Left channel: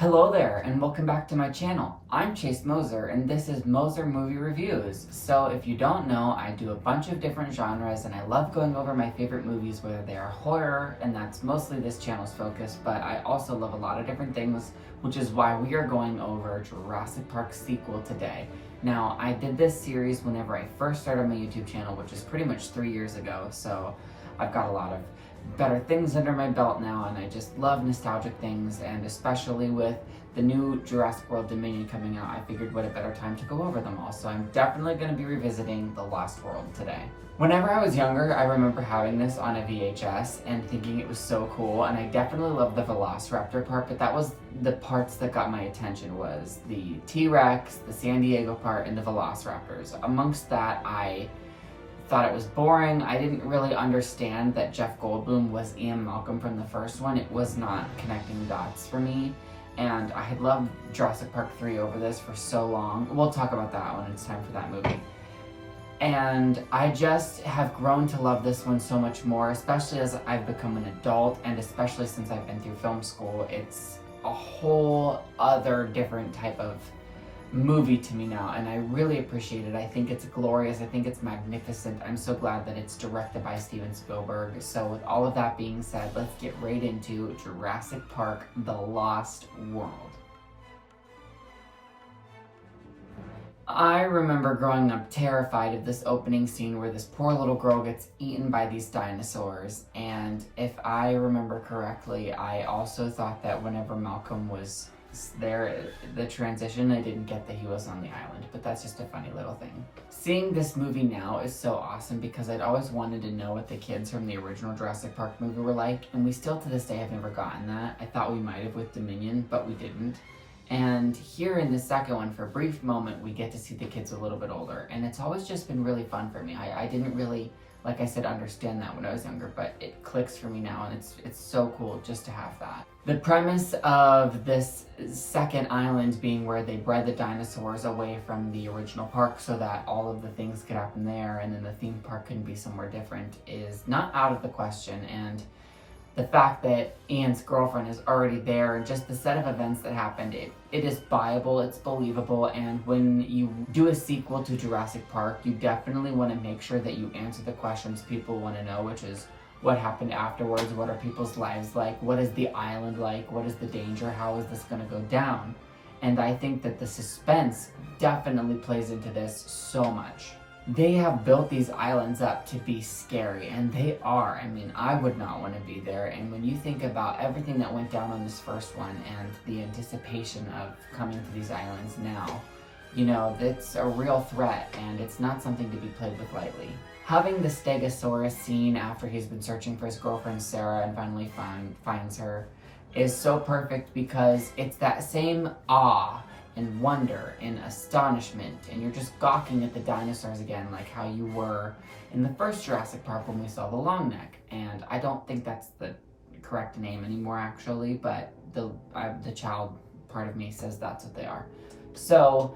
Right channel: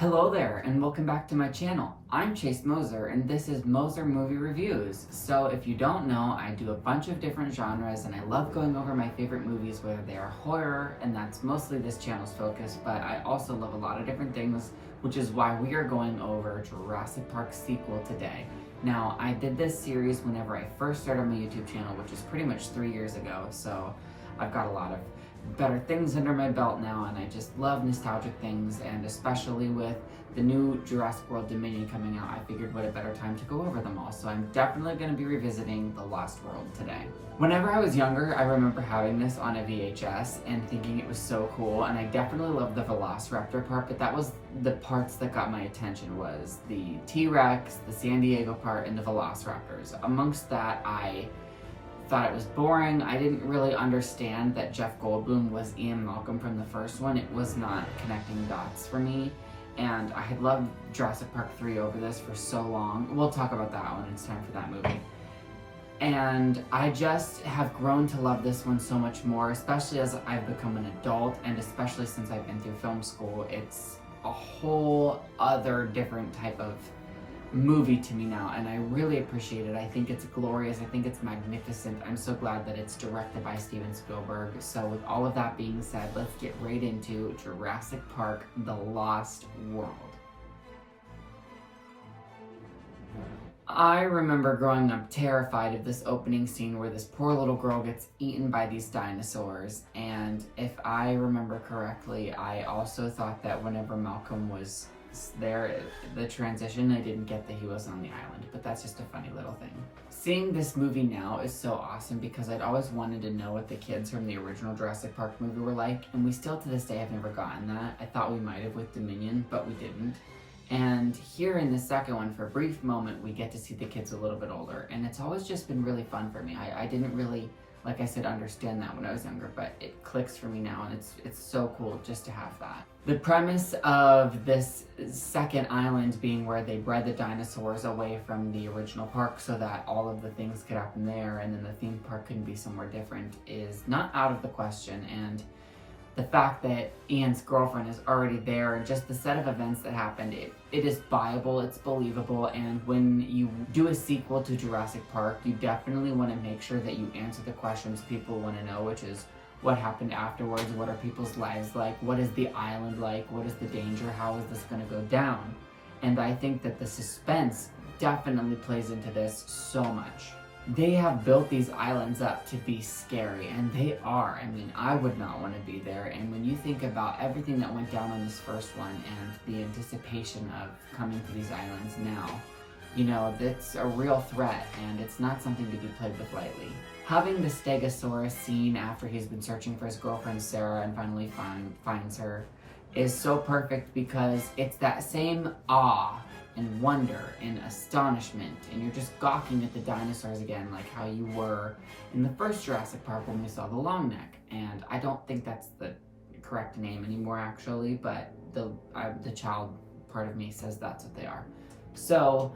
Hello there, and welcome back to my channel. I'm Chase Moser, and this is Moser Movie Reviews. So if you don't know, I do a bunch of different genres, and I love going over my favorite movies, whether they are horror, and that's mostly this channel's focus, but I also love a lot of different things, which is why we are going over Jurassic Park sequel today. Now, I did this series whenever I first started my YouTube channel, which is pretty much 3 years ago, so I've got a lot of better things under my belt now, and I just love nostalgic things, and especially with the new Jurassic World Dominion coming out, I figured what a better time to go over them all. So I'm definitely going to be revisiting The Lost World today. Whenever I was younger, I remember having this on a VHS and thinking it was so cool, and I definitely loved the Velociraptor part, but that was the parts that got my attention, was the T-Rex, the San Diego part, and the Velociraptors. Amongst that, I thought it was boring. I didn't really understand that Jeff Goldblum was Ian Malcolm from the first one. It was not connecting dots for me, and I had loved Jurassic Park 3 over this for so long. We'll talk about that when it's time for that movie. And I just have grown to love this one so much more, especially as I've become an adult, and especially since I've been through film school. It's a whole other different type of movie to me now, and I really appreciate it. I think it's glorious. I think it's magnificent. I'm so glad that it's directed by Steven Spielberg. So with all of that being said, let's get right into Jurassic Park: The Lost World. I remember growing up terrified of this opening scene where this poor little girl gets eaten by these dinosaurs, and if I remember correctly, I also thought that whenever Malcolm was there, the transition, I didn't get that he was on the island, but that's just a funny little thing. Seeing this movie now is so awesome because I'd always wanted to know what the kids from the original Jurassic Park movie were like, and we still to this day have never gotten that. I thought we might have with Dominion, but we didn't. And here in the second one, for a brief moment, we get to see the kids a little bit older, and it's always just been really fun for me. I didn't really, like I said, understand that when I was younger, but it clicks for me now, and it's so cool just to have that. The premise of this second island being where they bred the dinosaurs away from the original park so that all of the things could happen there, and then the theme park couldn't be somewhere different, is not out of the question. And the fact that Ian's girlfriend is already there, and just the set of events that happened, it is viable, it's believable, and when you do a sequel to Jurassic Park, you definitely want to make sure that you answer the questions people want to know, which is what happened afterwards, what are people's lives like, what is the island like, what is the danger, how is this going to go down? And I think that the suspense definitely plays into this so much. They have built these islands up to be scary, and they are. I mean, I would not want to be there. And when you think about everything that went down on this first one and the anticipation of coming to these islands now, you know, it's a real threat, and it's not something to be played with lightly. Having the Stegosaurus scene after he's been searching for his girlfriend Sarah and finally finds her is so perfect because it's that same awe and wonder and astonishment, and you're just gawking at the dinosaurs again, like how you were in the first Jurassic Park when we saw the long neck. And I don't think that's the correct name anymore, actually, but the child part of me says that's what they are. So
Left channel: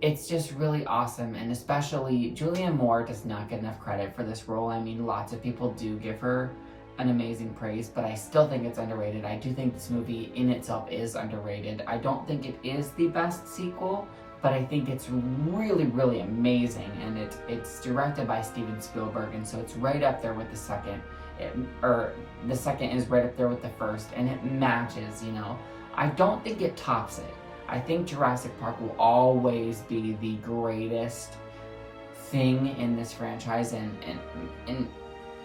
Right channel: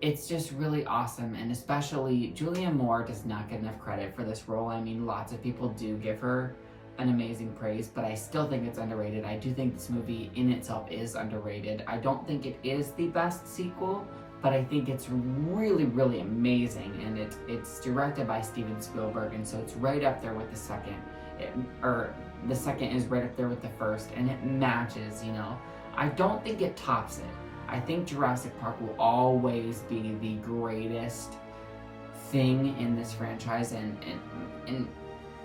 it's just really awesome, and especially Julianne Moore does not get enough credit for this role. I mean, lots of people do give her an amazing praise, but I still think it's underrated. I do think this movie in itself is underrated. I don't think it is the best sequel, but I think it's really, really amazing, and it's directed by Steven Spielberg, and so it's right up there with the second. The second is right up there with the first, and it matches, you know. I don't think it tops it. I think Jurassic Park will always be the greatest thing in this franchise, and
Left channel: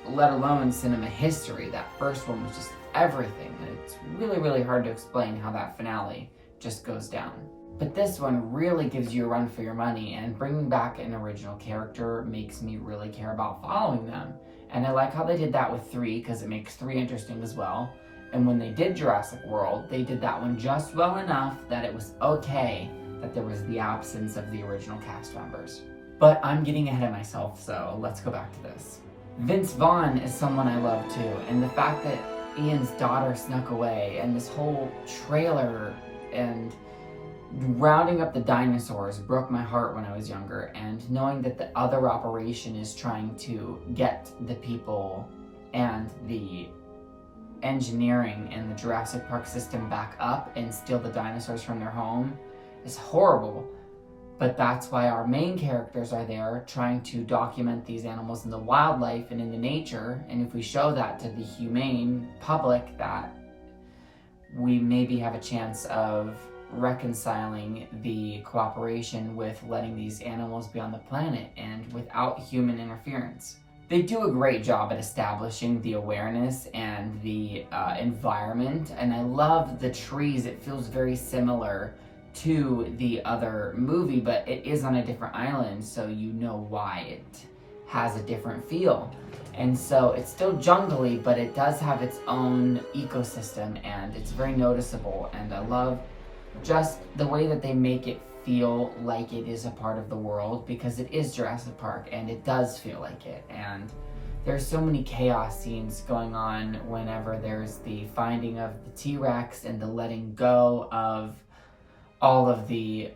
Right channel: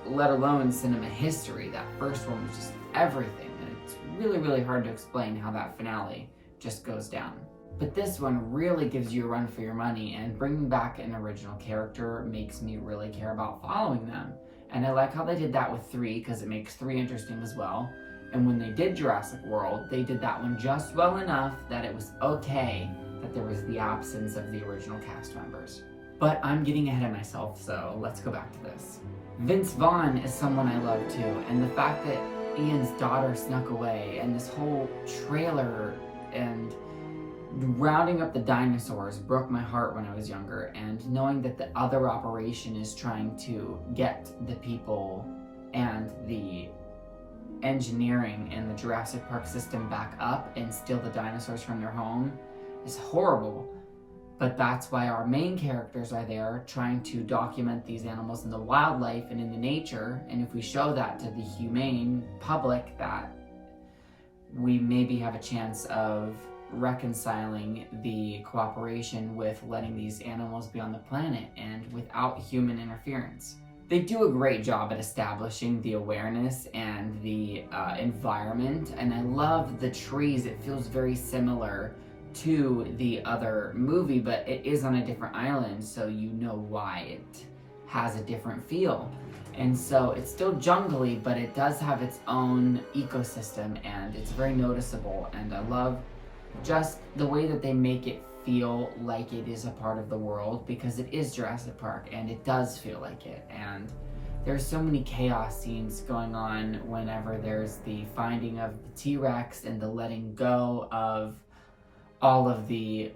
let alone cinema history. That first one was just everything, and it's really, really hard to explain how that finale just goes down. But this one really gives you a run for your money, and bringing back an original character makes me really care about following them. And I like how they did that with 3, because it makes 3 interesting as well. And when they did Jurassic World, they did that one just well enough that it was okay that there was the absence of the original cast members. But I'm getting ahead of myself, so let's go back to this. Vince Vaughn is someone I love too, and the fact that Ian's daughter snuck away, and this whole trailer and rounding up the dinosaurs broke my heart when I was younger, and knowing that the other operation is trying to get the people and the engineering in the Jurassic Park system back up and steal the dinosaurs from their home is horrible. But that's why our main characters are there, trying to document these animals in the wildlife and in the nature. And if we show that to the humane public, that we maybe have a chance of reconciling the cooperation with letting these animals be on the planet and without human interference. They do a great job at establishing the awareness and the environment, and I love the trees. It feels very similar to the other movie, but it is on a different island, so you know why it has a different feel. And so it's still jungly, but it does have its own ecosystem, and it's very noticeable. And I love just the way that they make it feel like it is a part of the world, because it is Jurassic Park and it does feel like it. And there's so many chaos scenes going on whenever there's the finding of the T-Rex and the letting go of all of the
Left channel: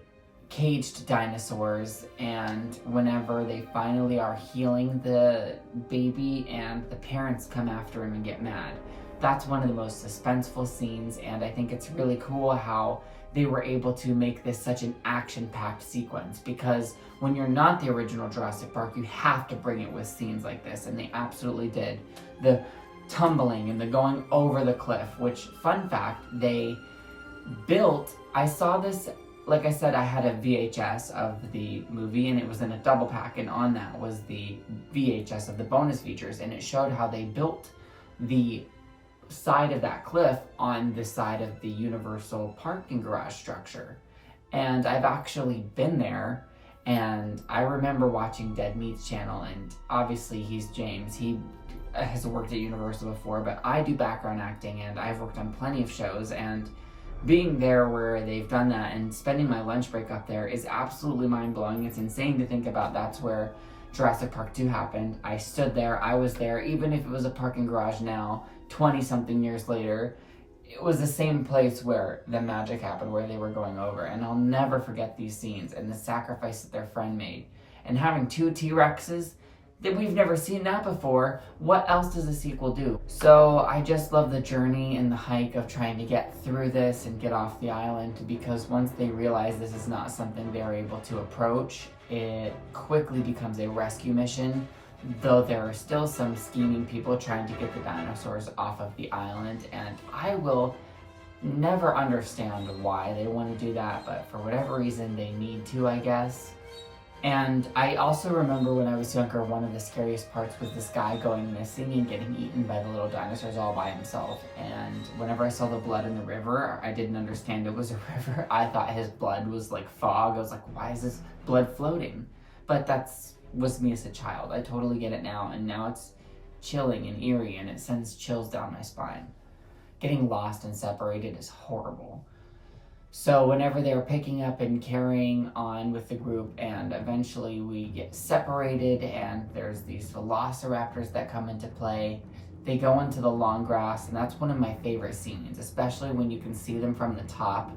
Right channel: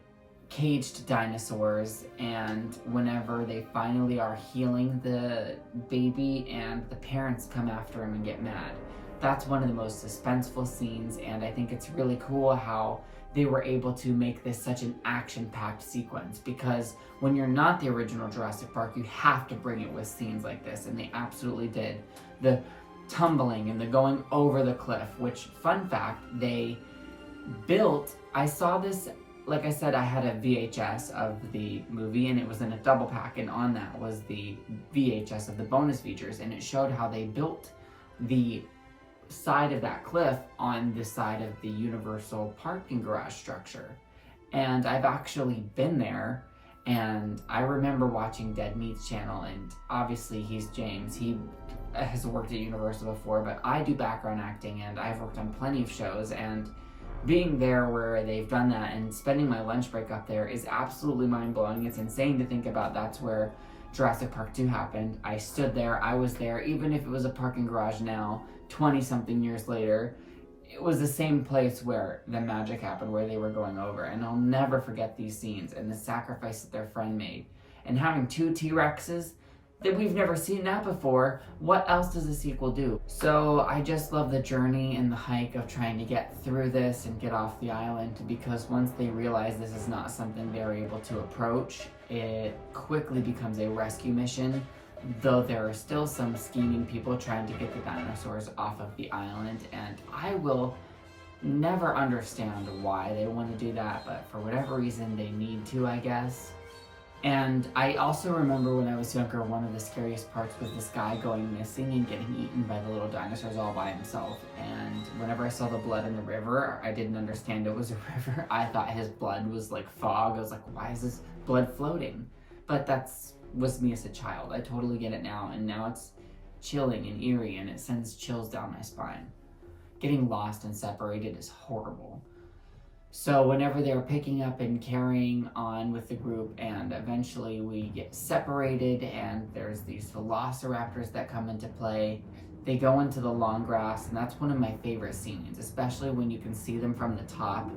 caged dinosaurs, and whenever they finally are healing the baby and the parents come after him and get mad. That's one of the most suspenseful scenes, and I think it's really cool how they were able to make this such an action-packed sequence, because when you're not the original Jurassic Park, you have to bring it with scenes like this, and they absolutely did. The tumbling and the going over the cliff, which, fun fact, they built, I saw this, like I said, I had a VHS of the movie and it was in a double pack, and on that was the VHS of the bonus features, and it showed how they built the side of that cliff on the side of the Universal parking garage structure. And I've actually been there, and I remember watching Dead Meat's channel, and obviously he's James, he has worked at Universal before, but I do background acting and I've worked on plenty of shows, and being there where they've done that and spending my lunch break up there is absolutely mind-blowing. It's insane to think about that's where Jurassic Park 2 happened. I stood there, I was there, even if it was a parking garage now, 20-something years later, it was the same place where the magic happened, where they were going over. And I'll never forget these scenes and the sacrifice that their friend made. And having 2 T-Rexes, that we've never seen that before. What else does a sequel do? So I just love the journey and the hike of trying to get through this and get off the island, because once they realize this is not something they're able to approach, it quickly becomes a rescue mission, though there are still some scheming people trying to get the dinosaurs off of the island, and I will never understand why they want to do that, but for whatever reason they need to, I guess. And I also remember when I was younger, one of the scariest parts was this guy going missing and getting eaten by the little dinosaurs all by himself. And whenever I saw the blood in the river, I didn't understand it was a river. I thought his blood was like fog. I was like, why is this blood floating? But was me as a child. I totally get it now, and now it's chilling and eerie, and it sends chills down my spine. Getting lost and separated is horrible. So whenever they're picking up and carrying on with the group, and eventually we get separated and there's these velociraptors that come into play, they go into the long grass, and that's one of my favorite scenes, especially when you can see them from the top.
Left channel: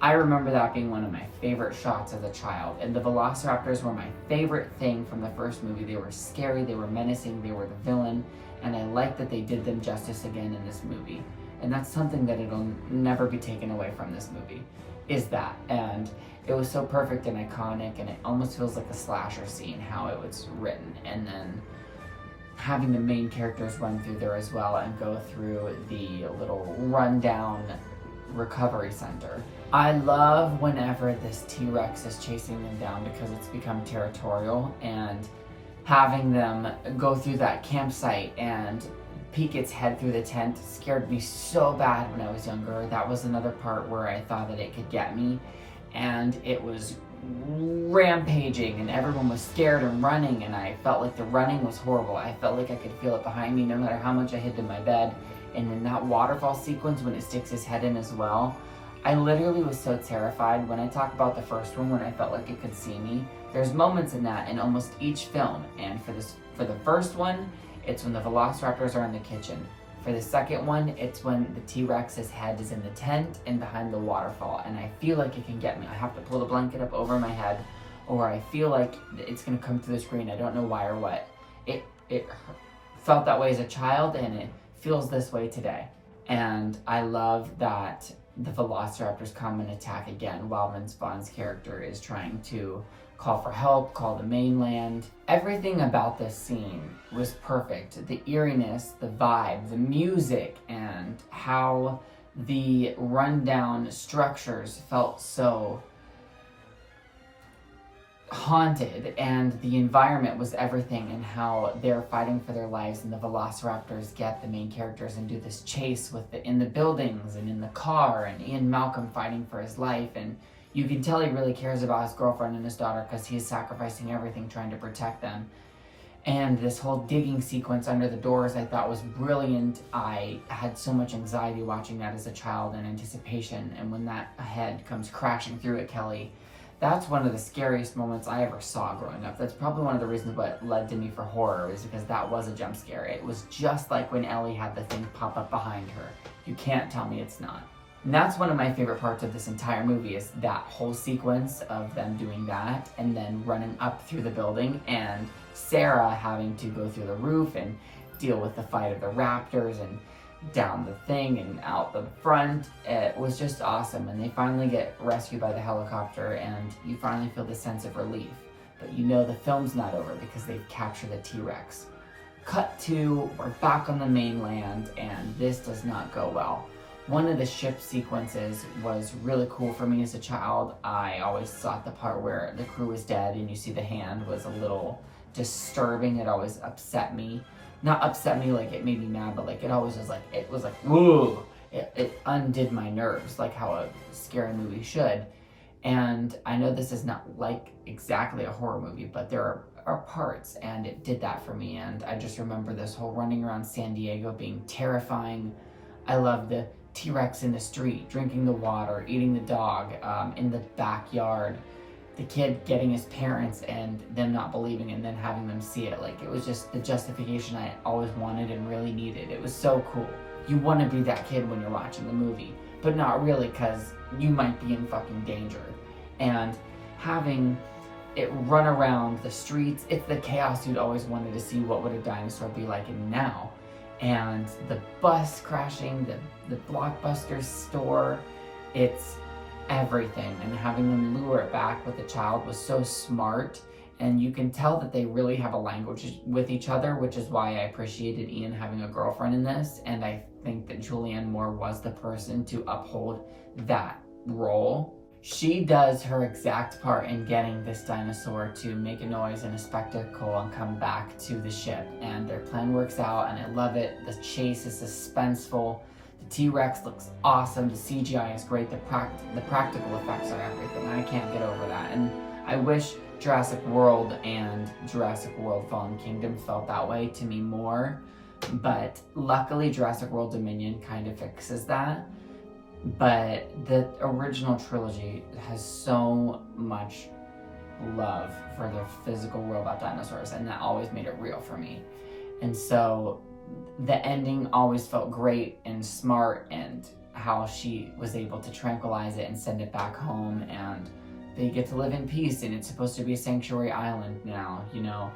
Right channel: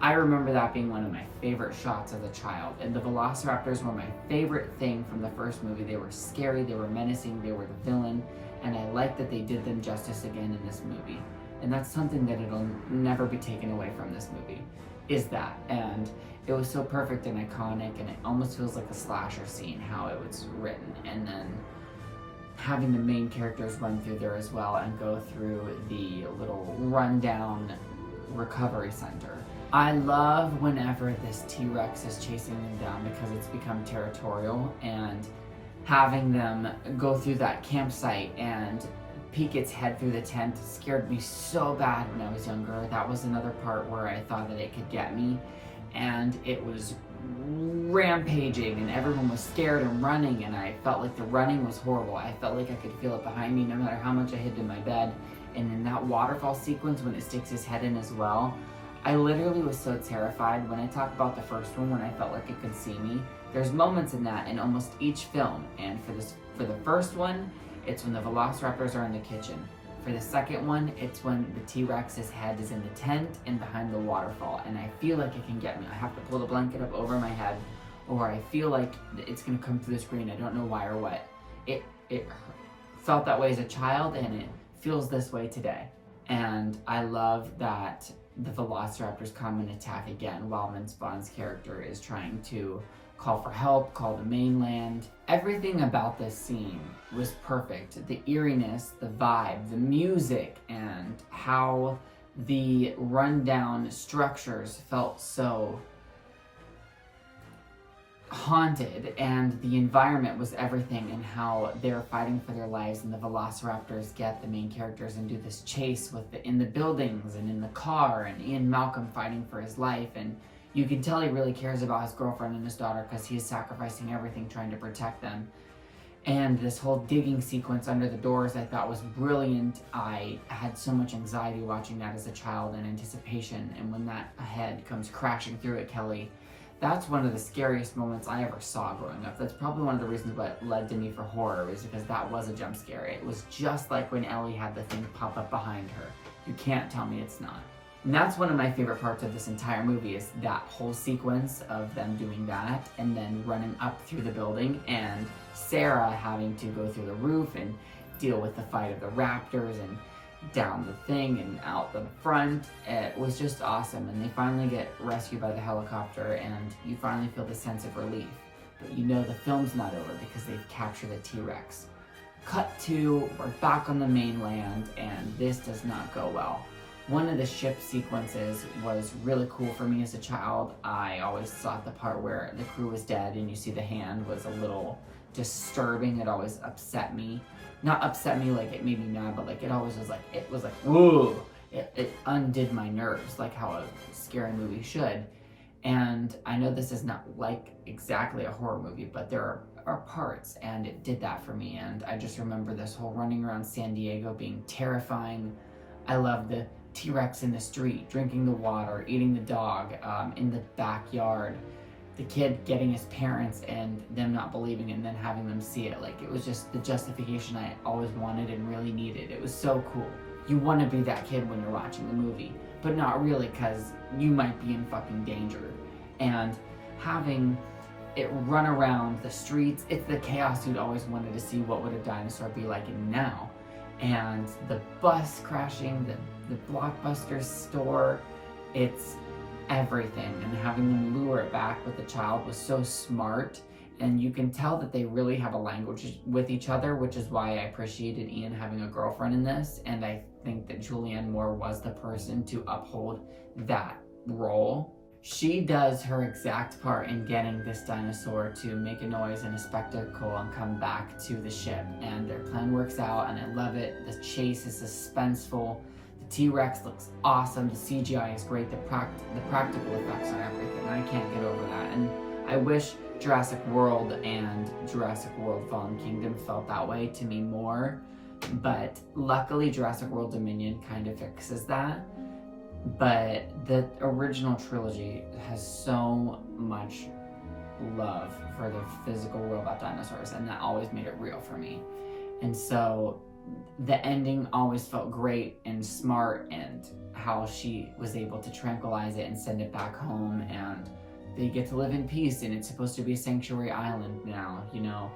I remember that being one of my favorite shots as a child, and the velociraptors were my favorite thing from the first movie. They were scary, they were menacing, they were the villain, and I like that they did them justice again in this movie. And that's something that it'll never be taken away from this movie, is that. And it was so perfect and iconic, and it almost feels like a slasher scene, how it was written. And then having the main characters run through there as well and go through the little rundown recovery center. I love whenever this T-Rex is chasing them down, because it's become territorial, and having them go through that campsite and peek its head through the tent scared me so bad when I was younger. That was another part where I thought that it could get me, and it was rampaging and everyone was scared and running, and I felt like the running was horrible. I felt like I could feel it behind me no matter how much I hid in my bed. And in that waterfall sequence when it sticks his head in as well, I literally was so terrified. When I talk about the first one, when I felt like it could see me, there's moments in that in almost each film. And for the first one, it's when the velociraptors are in the kitchen. For the second one, it's when the T-Rex's head is in the tent and behind the waterfall, and I feel like it can get me. I have to pull the blanket up over my head, or I feel like it's gonna come through the screen. I don't know why or what. It felt that way as a child, and it feels this way today. And I love that the velociraptors come and attack again while Vince Vaughn's character is trying to call for help, call the mainland. Everything about this scene was perfect. The eeriness, the vibe, the music, and how the rundown structures felt so haunted, and the environment was everything, and how they're fighting for their lives, and the velociraptors get the main characters and do this chase in the buildings and in the car, and Ian Malcolm fighting for his life, and you can tell he really cares about his girlfriend and his daughter because he is sacrificing everything trying to protect them. And this whole digging sequence under the doors I thought was brilliant. I had so much anxiety watching that as a child and anticipation, and when that head comes crashing through at Kelly, that's one of the scariest moments I ever saw growing up. That's probably one of the reasons what led to me for horror, was because that was a jump scare. It was just like when Ellie had the thing pop up behind her. You can't tell me it's not. And that's one of my favorite parts of this entire movie, is that whole sequence of them doing that and then running up through the building, and Sarah having to go through the roof and deal with the fight of the raptors and down the thing and out the front. It was just awesome, and they finally get rescued by the helicopter, and you finally feel the sense of relief. But you know the film's not over because they've captured the T-Rex. Cut to, we're back on the mainland, and this does not go well. One of the ship sequences was really cool for me as a child. I always thought the part where the crew was dead and you see the hand was a little disturbing. It always upset me. Not upset me like it made me mad, but like it always was like, it was like, whoa! It undid my nerves, like how a scary movie should. And I know this is not like exactly a horror movie, but there are parts, and it did that for me. And I just remember this whole running around San Diego being terrifying. I love the T-Rex in the street, drinking the water, eating the dog, in the backyard. The kid getting his parents and them not believing and then having them see it. Like, it was just the justification I always wanted and really needed. It was so cool. You want to be that kid when you're watching the movie, but not really, because you might be in fucking danger. And having it run around the streets, it's the chaos you'd always wanted to see. What would a dinosaur be like in now? And the bus crashing, the Blockbuster store, it's everything. And having them lure it back with the child was so smart, and you can tell that they really have a language with each other, which is why I appreciated Ian having a girlfriend in this, and I think that Julianne Moore was the person to uphold that role. She does her exact part in getting this dinosaur to make a noise and a spectacle and come back to the ship, and their plan works out, and I love it. The chase is suspenseful. The T-Rex looks awesome. The CGI is great. The practical effects on everything. I can't get over that. And I wish Jurassic World and Jurassic World Fallen Kingdom felt that way to me more. But luckily Jurassic World Dominion kind of fixes that. But the original trilogy has so much love for the physical robot dinosaurs, and that always made it real for me. And so the ending always felt great and smart, and how she was able to tranquilize it and send it back home, and they get to live in peace, and it's supposed to be a sanctuary island now, you know.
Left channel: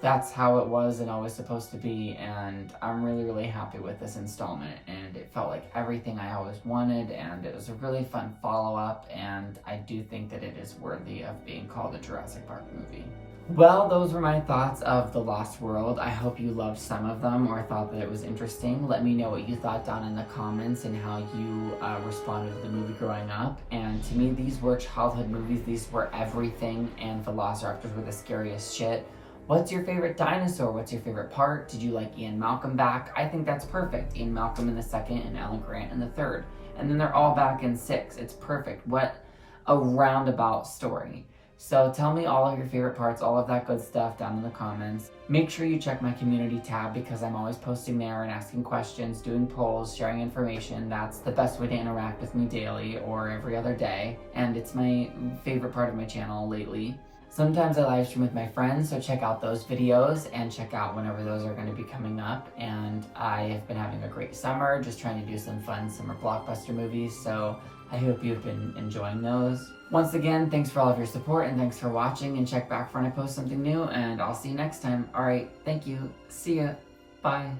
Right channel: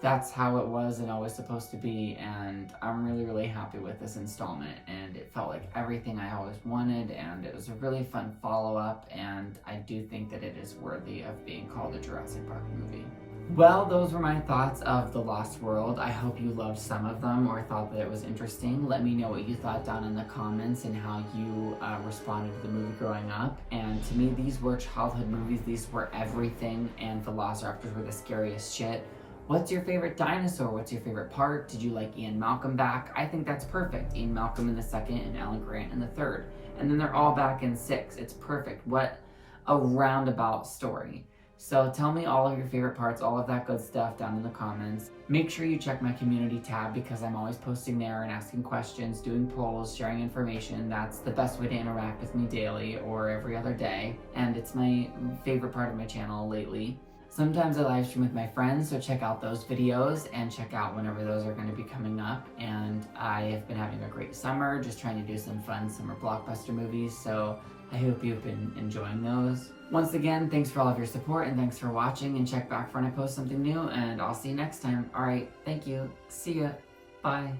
That's how it was and always supposed to be, and I'm really, really happy with this installment, and it felt like everything I always wanted, and it was a really fun follow-up, and I do think that it is worthy of being called a Jurassic Park movie. Well, those were my thoughts of The Lost World. I hope you loved some of them or thought that it was interesting. Let me know what you thought down in the comments and how you responded to the movie growing up. And to me, these were childhood movies. These were everything, and Velociraptors were the scariest shit. What's your favorite dinosaur? What's your favorite part? Did you like Ian Malcolm back? I think that's perfect. Ian Malcolm in the second and Alan Grant in the third. And then they're all back in 6. It's perfect. What a roundabout story. So tell me all of your favorite parts, all of that good stuff down in the comments. Make sure you check my community tab, because I'm always posting there and asking questions, doing polls, sharing information. That's the best way to interact with me daily or every other day. And it's my favorite part of my channel lately. Sometimes I live stream with my friends, so check out those videos and check out whenever those are going to be coming up. And I have been having a great summer, just trying to do some fun summer blockbuster movies, so I hope you've been enjoying those. Once again, thanks for all of your support, and thanks for watching, and check back for when I post something new, and I'll see you next time. Alright, thank you. See ya. Bye.